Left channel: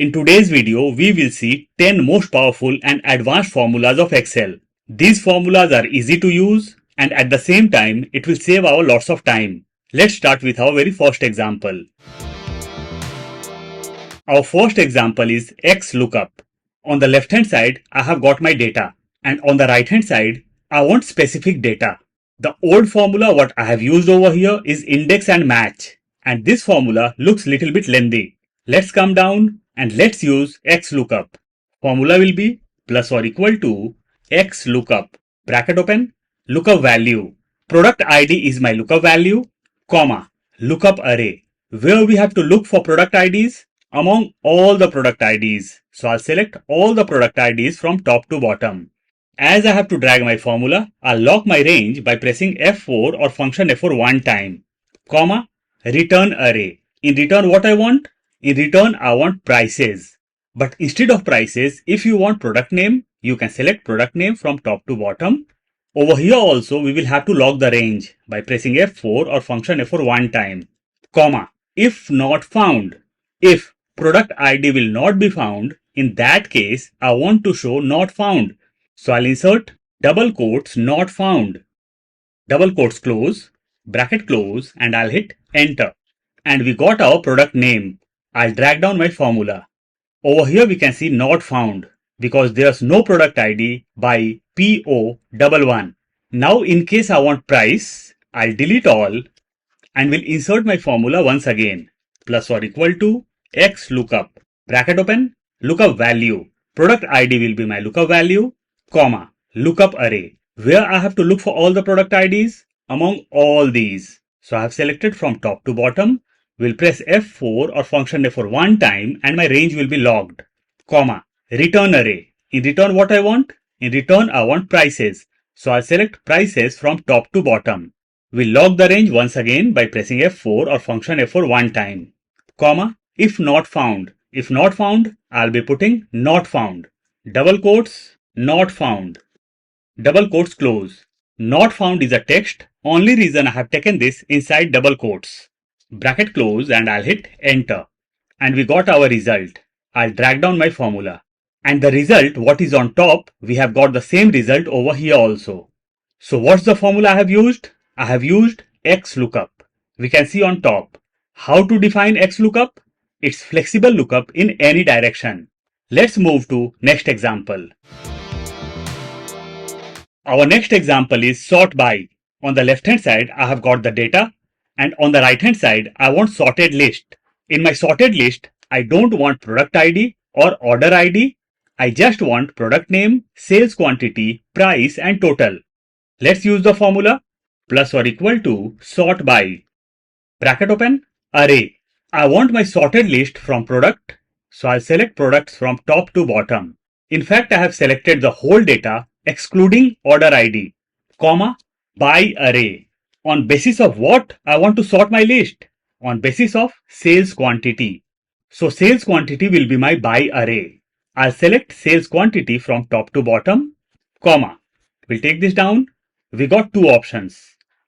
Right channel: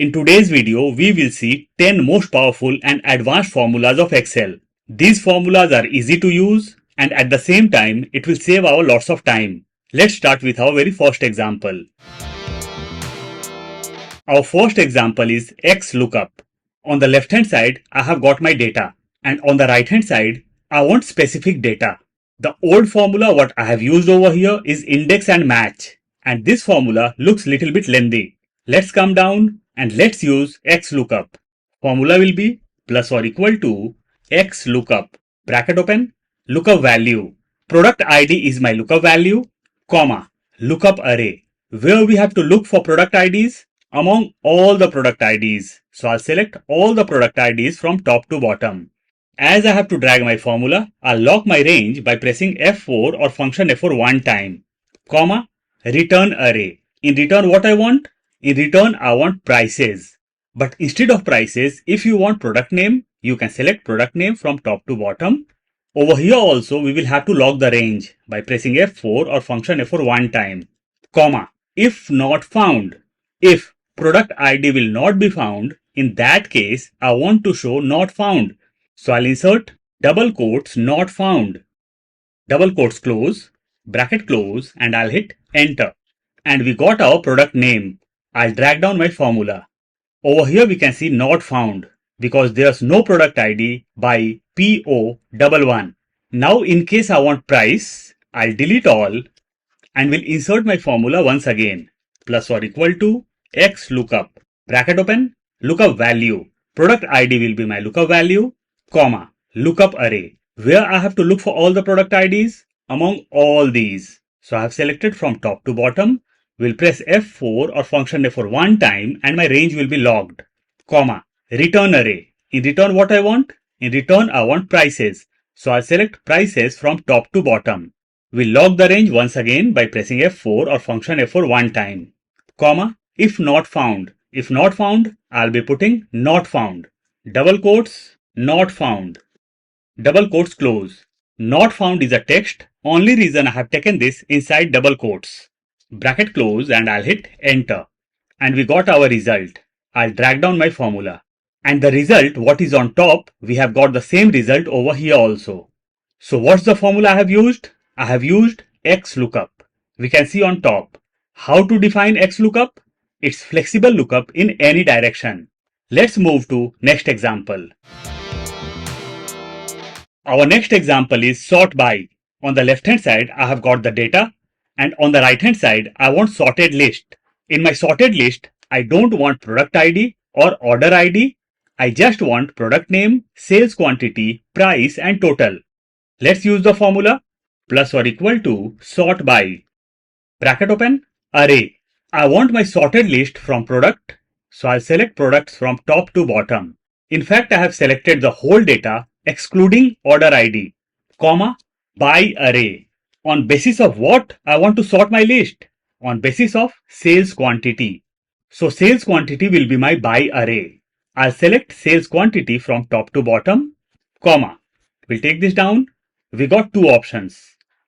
In today's video, we will see 10 most powerful and advanced formulas of Excel. These formulas are easy to use and at the same time, it will save our lots of time. Let's start with our very first example. Our first example is XLOOKUP. On the left hand side, I have got my data and on the right hand side, I want specific data. The old formula what I have used over here is index and match and this formula looks little bit lengthy. Let's come down and let's use XLOOKUP. Formula will be plus or equal to XLOOKUP, bracket open, lookup value. Product ID is my lookup value, comma, lookup array, where we have to look for product IDs among all the product IDs. So I'll select all the product IDs from top to bottom. As I have to drag my formula, I'll lock my range by pressing F4 or function F4 one time, comma, return array. In return what I want? In return I want prices. But instead of prices, if you want product name, you can select product name from top to bottom. Over here also we will have to lock the range by pressing F4 or function F4 one time, comma, if not found. If product ID will not be found, in that case I want to show not found. So I'll insert double quotes not found, double quotes close, bracket close and I'll hit enter. And we got our product name. I'll drag down my formula. Over here we can see not found because there's no product ID by PO11. Now in case I want price, I'll delete all and will insert my formula once again. Plus or equal to XLOOKUP, bracket open, lookup value. Product ID will be my lookup value, comma, lookup array, where I have to look for all the product IDs among all these. So I have selected from top to bottom. We'll press F4 or function F4 one time and my range will be logged, comma, return array. In return what I want? In return I want prices. So I'll select prices from top to bottom. We'll log the range once again by pressing F4 or function F4 one time, comma, if not found. If not found, I'll be putting not found. Double quotes, not found. Double quotes close. Not found is a text. Only reason I have taken this inside double quotes. Bracket close and I'll hit enter. And we got our result. I'll drag down my formula. And the result, what is on top, we have got the same result over here also. So what's the formula I have used? I have used XLOOKUP. We can see on top. How to define XLOOKUP? It's flexible lookup in any direction. Let's move to next example. Our next example is SORTBY. On the left hand side, I have got the data and on the right hand side, I want sorted list. In my sorted list, I don't want product ID or order ID. I just want product name, sales quantity, price and total. Let's use the formula plus or equal to SORTBY. Bracket open, array. I want my sorted list from product. So I'll select products from top to bottom. In fact, I have selected the whole data excluding order ID, comma, by array. On basis of what I want to sort my list? On basis of sales quantity. So sales quantity will be my by array. I'll select sales quantity from top to bottom, comma. We'll take this down. We got two options.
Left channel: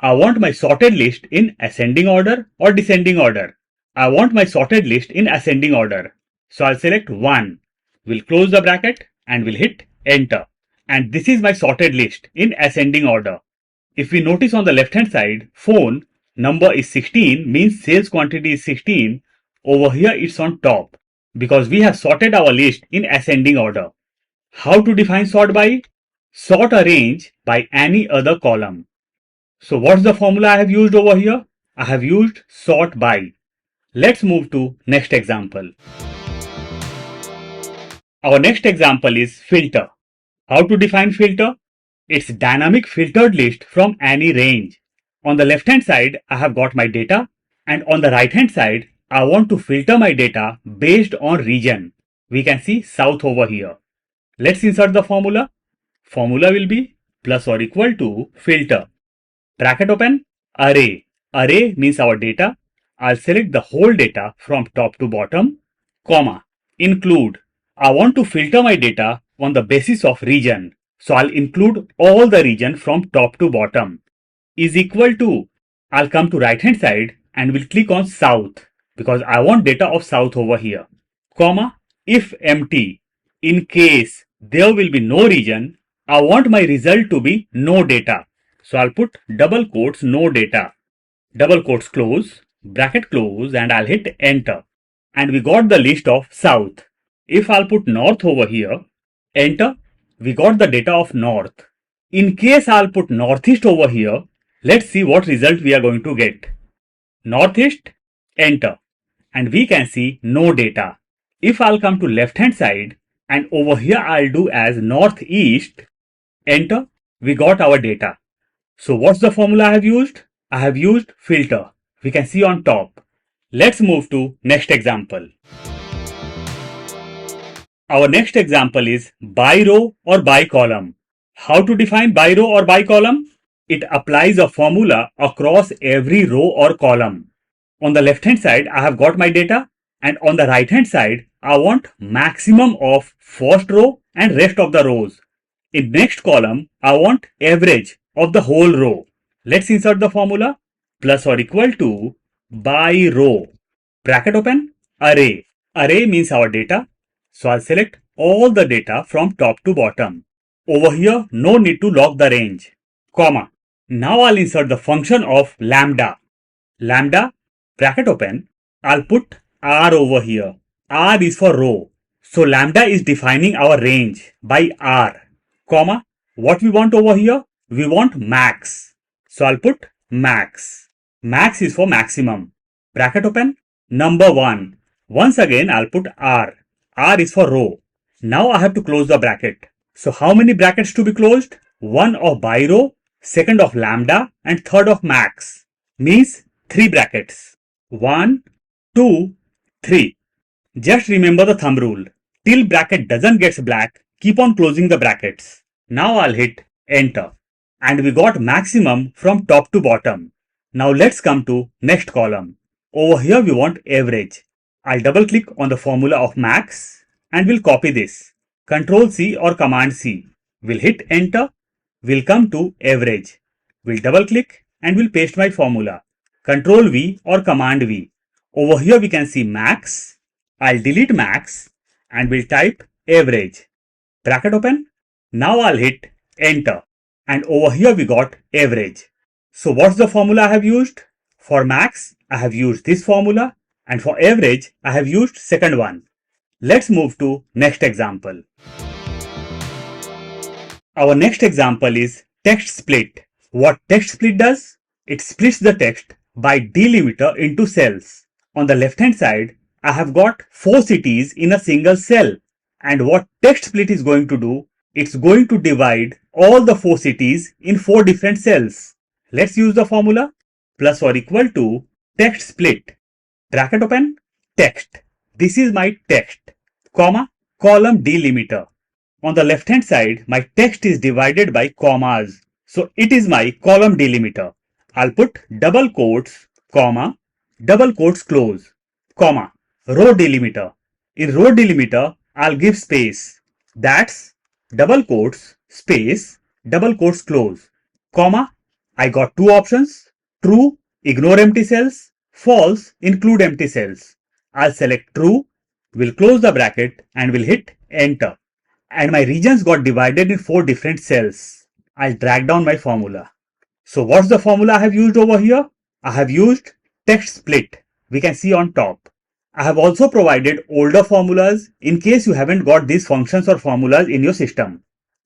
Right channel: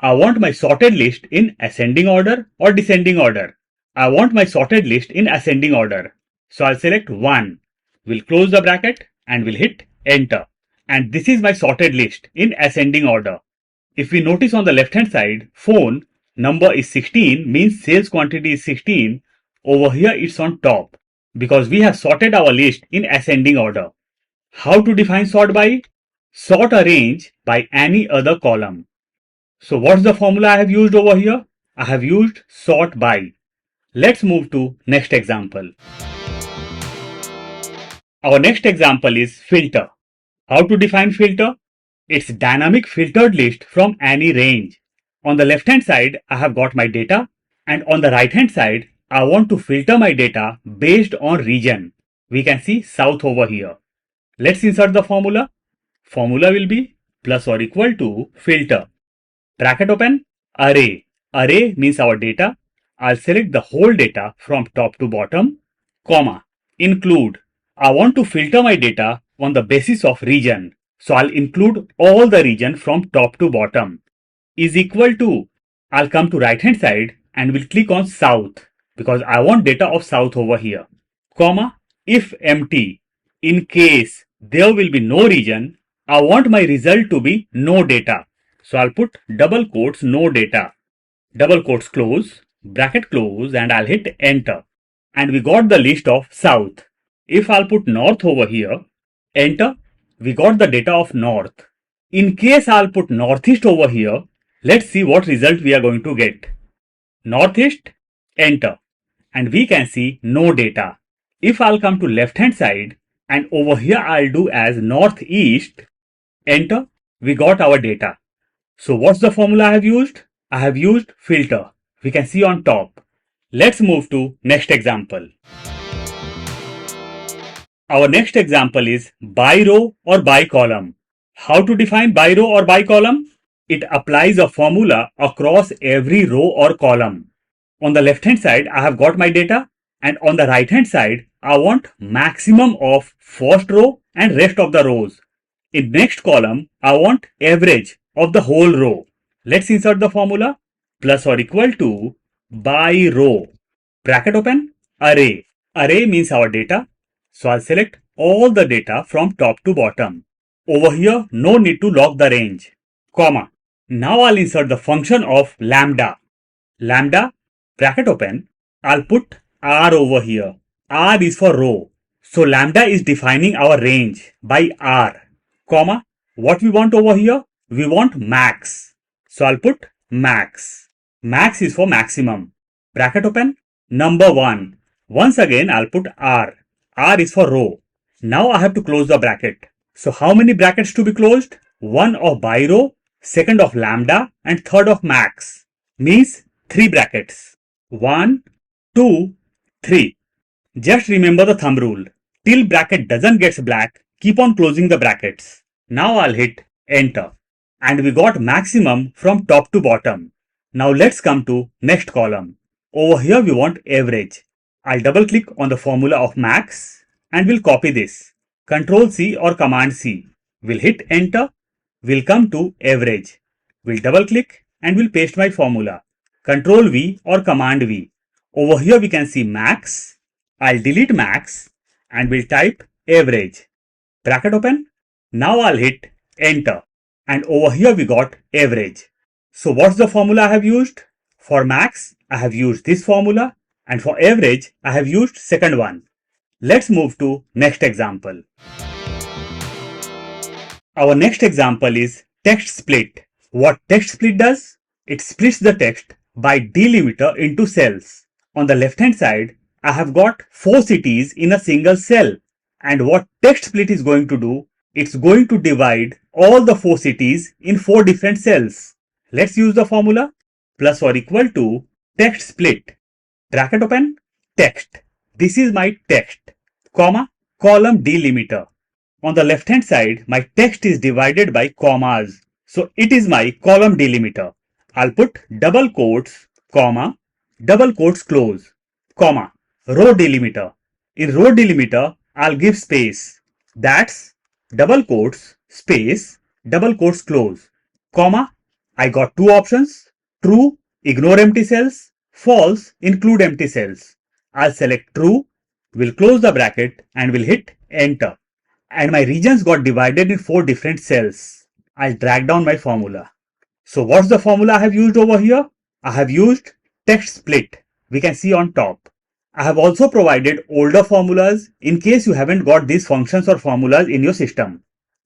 I want my sorted list in ascending order or descending order. I want my sorted list in ascending order. So I'll select 1. We'll close the bracket and we'll hit enter. And this is my sorted list in ascending order. If we notice on the left hand side, phone number is 16 means sales quantity is 16. Over here it's on top because we have sorted our list in ascending order. How to define sort by? Sort a range by any other column. So what's the formula I have used over here? I have used sort by. Let's move to next example. Our next example is filter. How to define filter? It's dynamic filtered list from any range. On the left hand side, I have got my data and on the right hand side, I want to filter my data based on region. We can see south over here. Let's insert the formula. Formula will be plus or equal to filter. Bracket open, array. Array means our data. I'll select the whole data from top to bottom, comma, include. I want to filter my data on the basis of region. So I'll include all the region from top to bottom. Is equal to, I'll come to right hand side and will click on south because I want data of south over here, comma, if empty, in case there will be no region, I want my result to be no data. So I'll put double quotes no data, double quotes close, bracket close, and I'll hit enter. And we got the list of south. If I'll put north over here, enter, we got the data of north. In case I'll put northeast over here, let's see what result we are going to get. Northeast, enter, and we can see no data. If I'll come to left hand side and over here I'll do as northeast, enter, we got our data. So what's the formula I have used? I have used filter. We can see on top. Let's move to next example. Our next example is by row or by column. How to define by row or by column? It applies a formula across every row or column. On the left hand side, I have got my data, and on the right hand side, I want maximum of first row and rest of the rows. In next column, I want average of the whole row. Let's insert the formula plus or equal to by row. Bracket open, array. Array means our data. So I'll select all the data from top to bottom. Over here, no need to lock the range. Comma. Now I'll insert the function of lambda. Lambda, bracket open, I'll put R over here. R is for row. So lambda is defining our range by R. Comma, what we want over here? We want max. So I'll put max. Max is for maximum. Bracket open, number 1. Once again, I'll put R. R is for row. Now I have to close the bracket. So how many brackets to be closed? One of by row, second of lambda, and third of max. Means 3 brackets. 1, 2, 3. Just remember the thumb rule. Till bracket doesn't get black, keep on closing the brackets. Now I'll hit enter. And we got maximum from top to bottom. Now let's come to next column. Over here we want average. I'll double click on the formula of max and we'll copy this. Control C or Command C. We'll hit enter. We'll come to average. We'll double click and we'll paste my formula. Control V or Command V. Over here we can see max. I'll delete max and we'll type average. Bracket open. Now I'll hit enter. And over here we got average. So what's the formula I have used? For max, I have used this formula. And for average, I have used second one. Let's move to next example. Our next example is text split. What text split does? It splits the text by delimiter into cells. On the left hand side, I have got 4 cities in a single cell. And what text split is going to do? It's going to divide all the 4 cities in 4 different cells. Let's use the formula plus or equal to text split. Bracket open, text. This is my text, comma, column delimiter. On the left hand side, my text is divided by commas. So it is my column delimiter. I'll put double quotes, comma, double quotes close, comma, row delimiter. In row delimiter, I'll give space. That's double quotes, space, double quotes close, comma. I got 2 options, true, ignore empty cells, false, include empty cells. I'll select true, we'll close the bracket and we'll hit enter. And my regions got divided in 4 different cells. I'll drag down my formula. So what's the formula I have used over here? I have used text split. We can see on top. I have also provided older formulas in case you haven't got these functions or formulas in your system.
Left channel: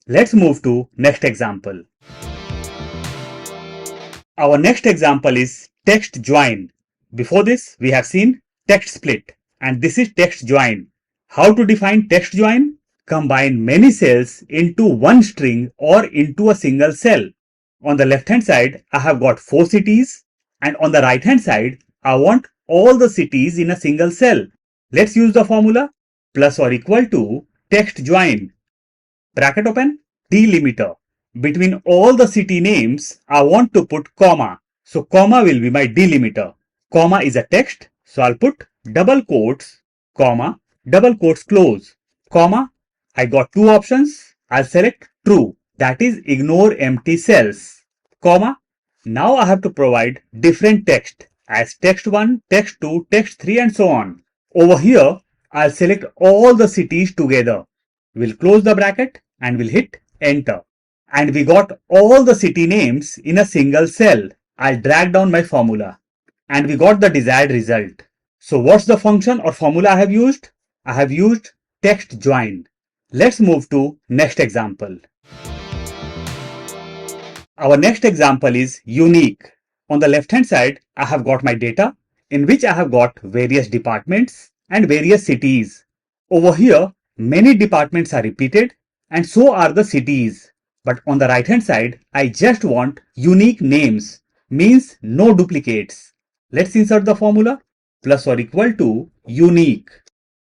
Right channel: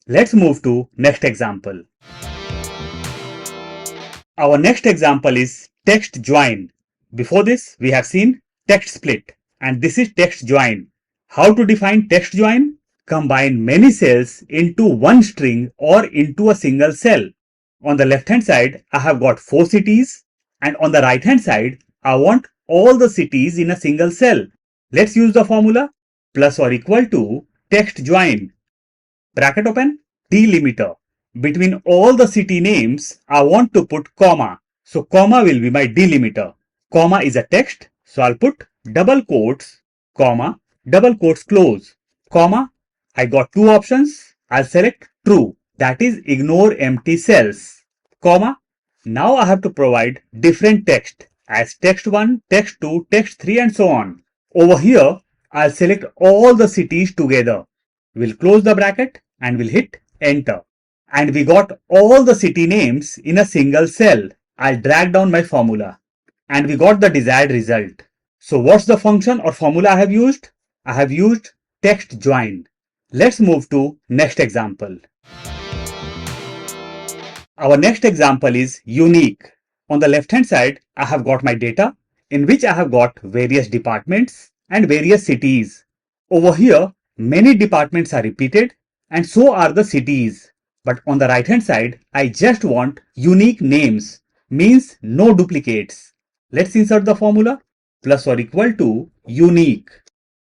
Let's move to next example. Our next example is TEXTJOIN. Before this, we have seen text split, and this is TEXTJOIN. How to define TEXTJOIN? Combine many cells into one string or into a single cell. On the left hand side, I have got 4 cities, and on the right hand side, I want all the cities in a single cell. Let's use the formula plus or equal to TEXTJOIN. Bracket open, delimiter. Between all the city names, I want to put comma. So comma will be my delimiter. Comma is a text, so I'll put double quotes, comma, double quotes close, comma. I got 2 options. I'll select true, that is ignore empty cells, comma. Now I have to provide different text as text 1, text 2, text 3 and so on. Over here, I'll select all the cities together. We'll close the bracket and we'll hit enter. And we got all the city names in a single cell. I'll drag down my formula and we got the desired result. So what's the function or formula I have used? I have used TEXTJOIN. Let's move to next example. Our next example is unique. On the left hand side, I have got my data in which I have got various departments and various cities. Over here, many departments are repeated and so are the cities. But on the right hand side, I just want unique names, means no duplicates. Let's insert the formula plus or equal to unique.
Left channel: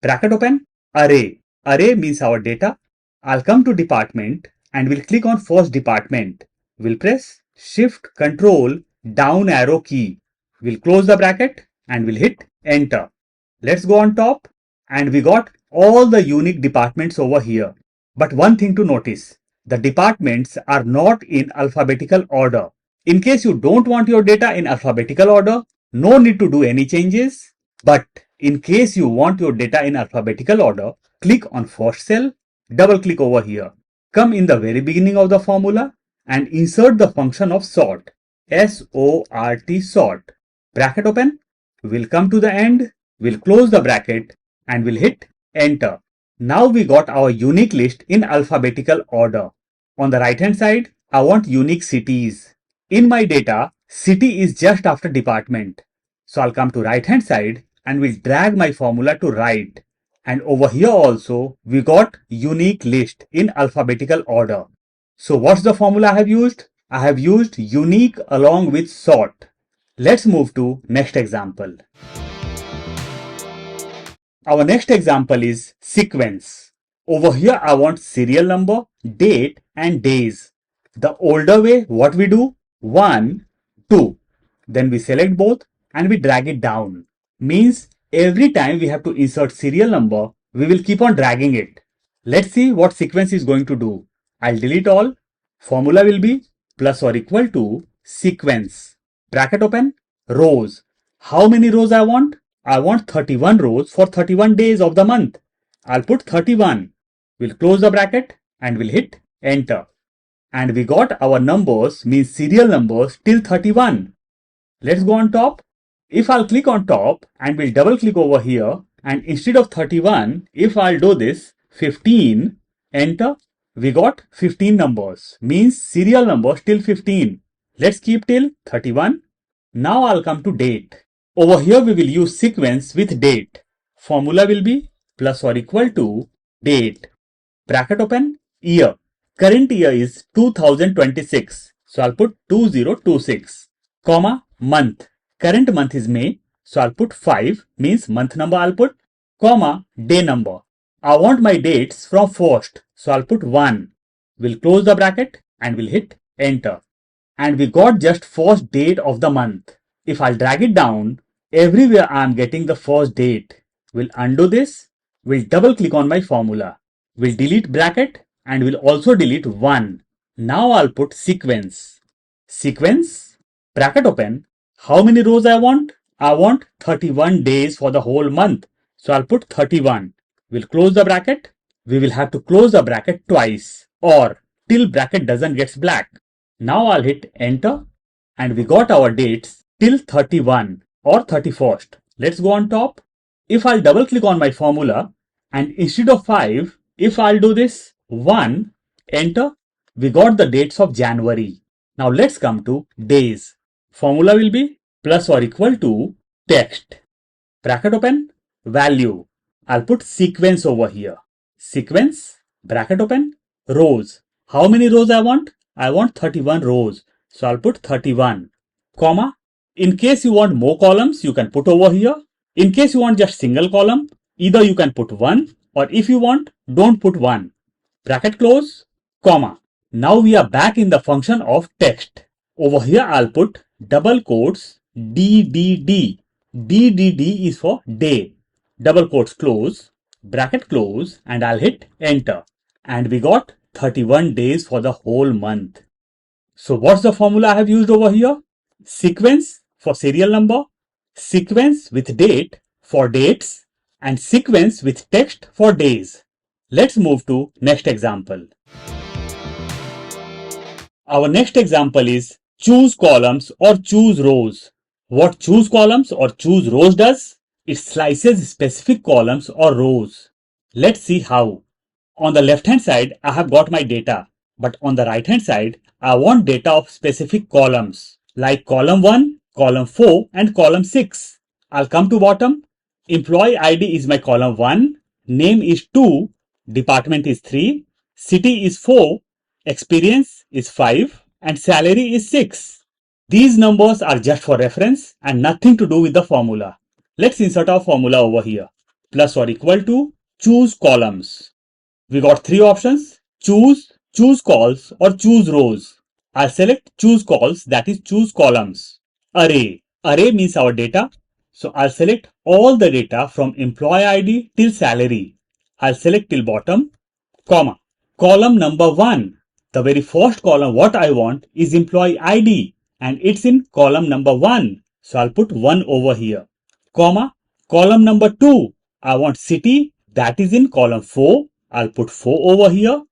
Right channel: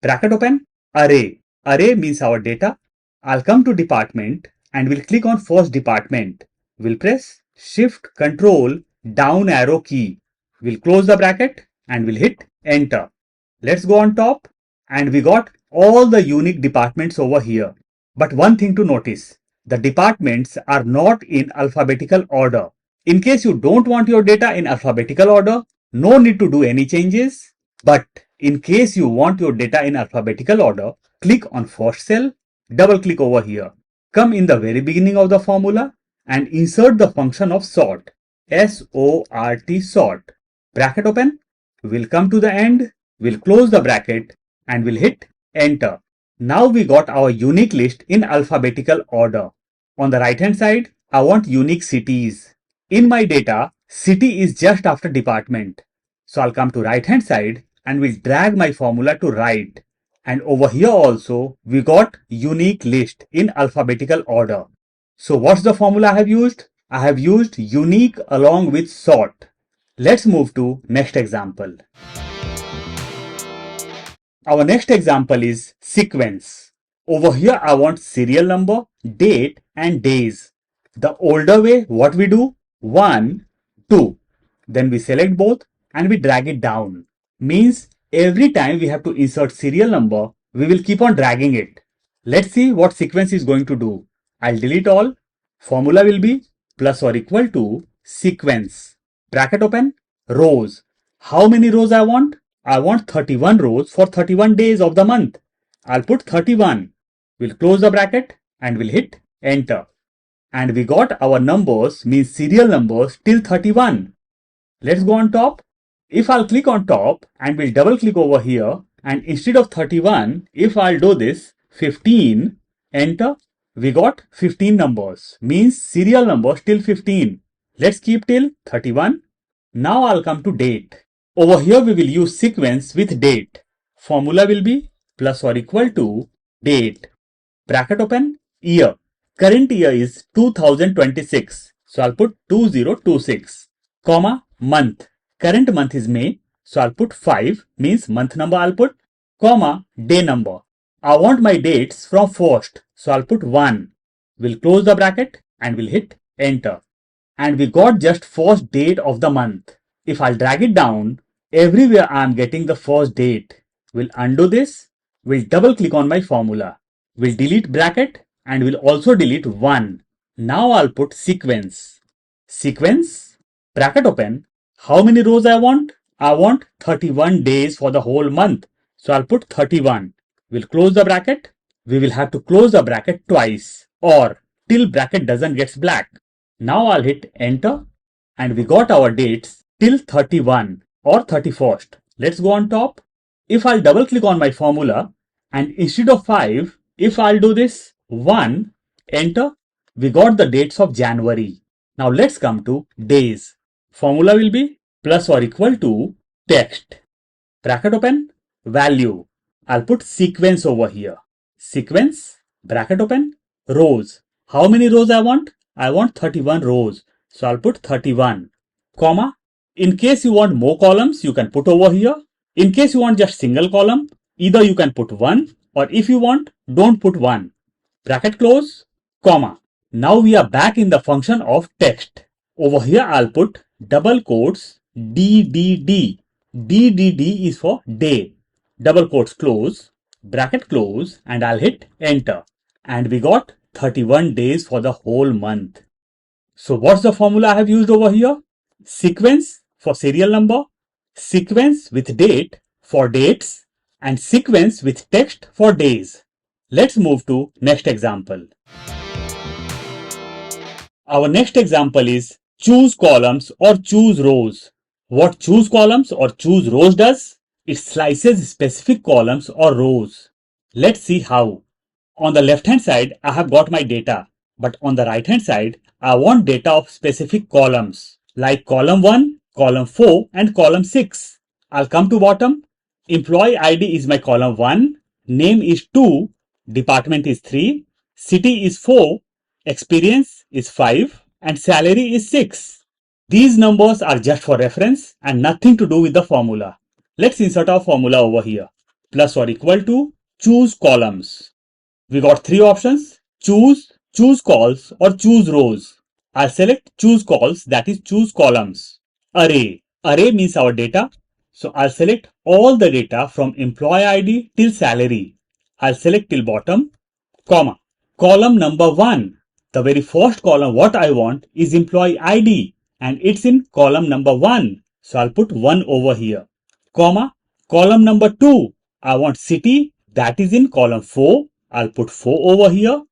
Bracket open, array. Array means our data. I'll come to department and we'll click on first department. We'll press Shift Control down arrow key. We'll close the bracket and we'll hit enter. Let's go on top and we got all the unique departments over here. But one thing to notice, the departments are not in alphabetical order. In case you don't want your data in alphabetical order, no need to do any changes. But in case you want your data in alphabetical order, click on first cell, double click over here. Come in the very beginning of the formula and insert the function of sort. S-O-R-T sort. Bracket open. We'll come to the end. We'll close the bracket and we'll hit enter. Now we got our unique list in alphabetical order. On the right hand side, I want unique cities. In my data, city is just after department. So I'll come to right hand side and we'll drag my formula to right. And over here also, we got unique list in alphabetical order. So what's the formula I have used? I have used unique along with sort. Let's move to next example. Our next example is sequence. Over here, I want serial number, date and days. The older way, what we do? 1, 2. Then we select both and we drag it down. Means every time we have to insert serial number, we will keep on dragging it. Let's see what sequence is going to do. I'll delete all. Formula will be plus or equal to sequence. Bracket open, rows. How many rows I want? I want 31 rows for 31 days of the month. I'll put 31. We'll close the bracket and we'll hit enter. And we got our numbers, means serial numbers till 31. Let's go on top. If I'll click on top and we'll double click over here and instead of 31, if I'll do this 15, enter, we got 15 numbers, means serial numbers till 15. Let's keep till 31. Now I'll come to date. Over here we will use sequence with date. Formula will be plus or equal to date. Bracket open, year. Current year is 2026. So I'll put 2026, comma, month. Current month is May. So I'll put 5, means month number I'll put, comma, day number. I want my dates from first. So I'll put 1. We'll close the bracket and we'll hit enter. And we got just first date of the month. If I'll drag it down, everywhere I'm getting the first date. We'll undo this. We'll double click on my formula. We'll delete bracket and we'll also delete 1. Now I'll put sequence. Sequence, bracket open. How many rows I want? I want 31 days for the whole month. So I'll put 31. We'll close the bracket. We will have to close the bracket twice or till bracket doesn't get black. Now I'll hit enter and we got our dates till 31 or 31st. Let's go on top. If I'll double click on my formula and instead of 5, if I'll do this 1, enter, we got the dates of January. Now let's come to days. Formula will be plus or equal to text. Bracket open, value. I'll put sequence over here. Sequence, bracket open, rows. How many rows I want? I want 31 rows. So I'll put 31, comma. In case you want more columns, you can put over here. In case you want just single column, either you can put 1 or if you want, don't put 1. Bracket close, comma. Now we are back in the function of text. Over here I'll put double quotes DDD. DDD is for day. Double quotes close, bracket close and I'll hit enter. And we got 31 days for the whole month. So what's the formula I have used over here? Sequence for serial number, sequence with date for dates and sequence with text for days. Let's move to next example. Our next example is choose columns or choose rows. What choose columns or choose rows does? It slices specific columns or rows. Let's see how. On the left hand side, I have got my data, but on the right hand side, I want data of specific columns like column 1, column 4 and column 6. I'll come to bottom. Employee ID is my column 1, name is 2, department is 3, city is 4, experience is 5 and salary is 6. These numbers are just for reference and nothing to do with the formula. Let's insert our formula over here. Plus or equal to choose columns. We got three options: choose, choose calls or choose rows. I'll select choose calls, that is choose columns. Array. Array means our data. So I'll select all the data from employee ID till salary. I'll select till bottom, comma. Column number 1. The very first column what I want is employee ID and it's in column number 1. So I'll put 1 over here. Comma. Column number 2. I want city, that is in column 4. I'll put 4 over here.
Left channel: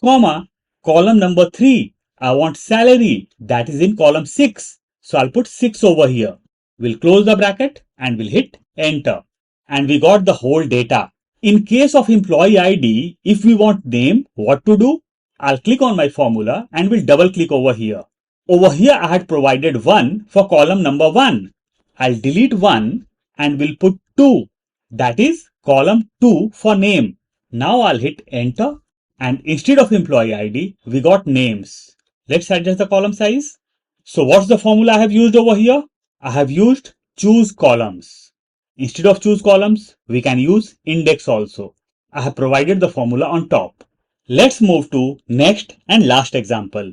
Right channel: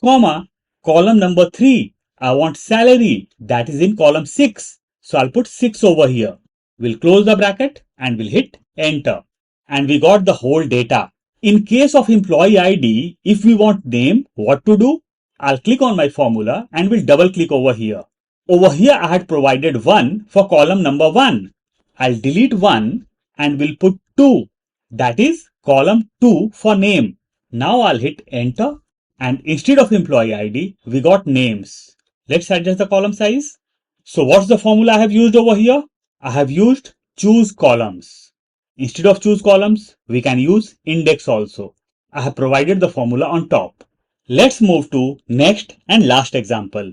Comma. Column number 3. I want salary, that is in column 6. So I'll put 6 over here. We'll close the bracket and we'll hit enter. And we got the whole data. In case of employee ID, if we want name, what to do? I'll click on my formula and we'll double click over here. Over here I had provided 1 for column number 1. I'll delete 1 and we'll put 2. That is column 2 for name. Now I'll hit enter and instead of employee ID, we got names. Let's adjust the column size. So what's the formula I have used over here? I have used choose columns. Instead of choose columns, we can use index also. I have provided the formula on top. Let's move to next and last example.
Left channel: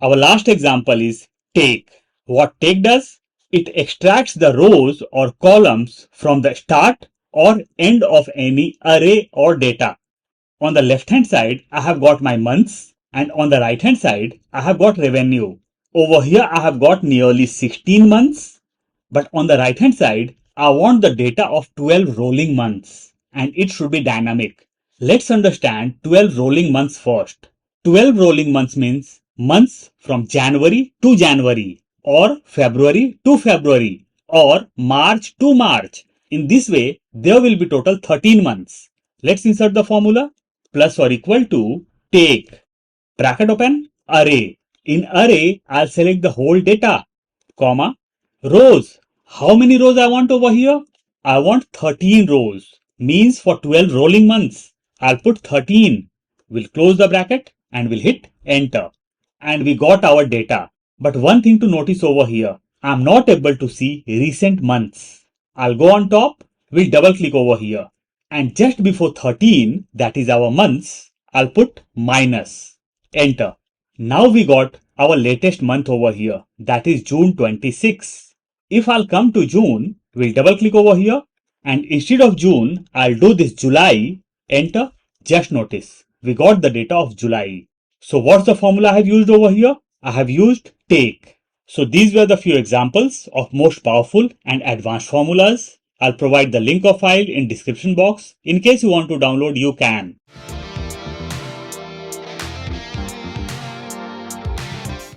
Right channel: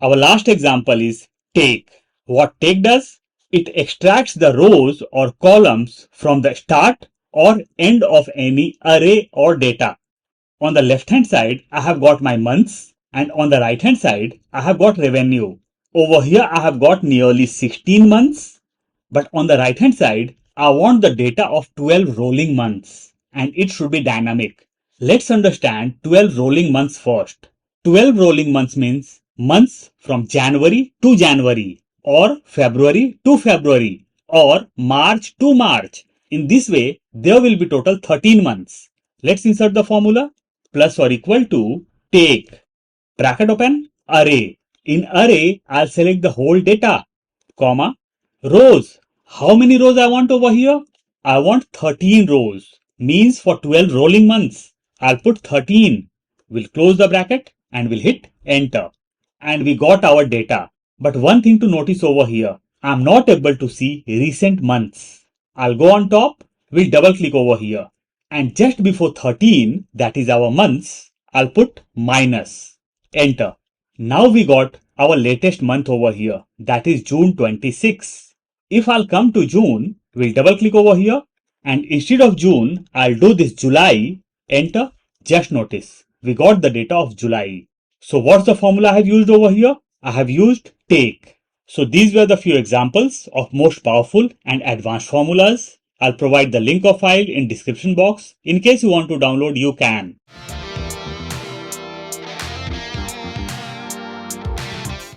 Our last example is take. What take does? It extracts the rows or columns from the start or end of any array or data. On the left hand side, I have got my months and on the right hand side, I have got revenue. Over here, I have got nearly 16 months, but on the right hand side, I want the data of 12 rolling months and it should be dynamic. Let's understand 12 rolling months first. 12 rolling months means months from January to January or February to February or March to March. In this way, there will be total 13 months. Let's insert the formula. Plus or equal to take, bracket open, array. In array, I'll select the whole data, comma, rows. How many rows I want over here? I want 13 rows, means for 12 rolling months. I'll put 13. We'll close the bracket and we'll hit enter. And we got our data. But one thing to notice over here, I'm not able to see recent months. I'll go on top, we'll double click over here. And just before 13, that is our months, I'll put minus, enter. Now we got our latest month over here, that is June 26. If I'll come to June, we'll double click over here and instead of June, I'll do this July, enter. Just notice, we got the data of July. So what's the formula I have used over here? I have used take. So these were the few examples of most powerful and advanced formulas. I'll provide the link of file in description box. In case you want to download, you can.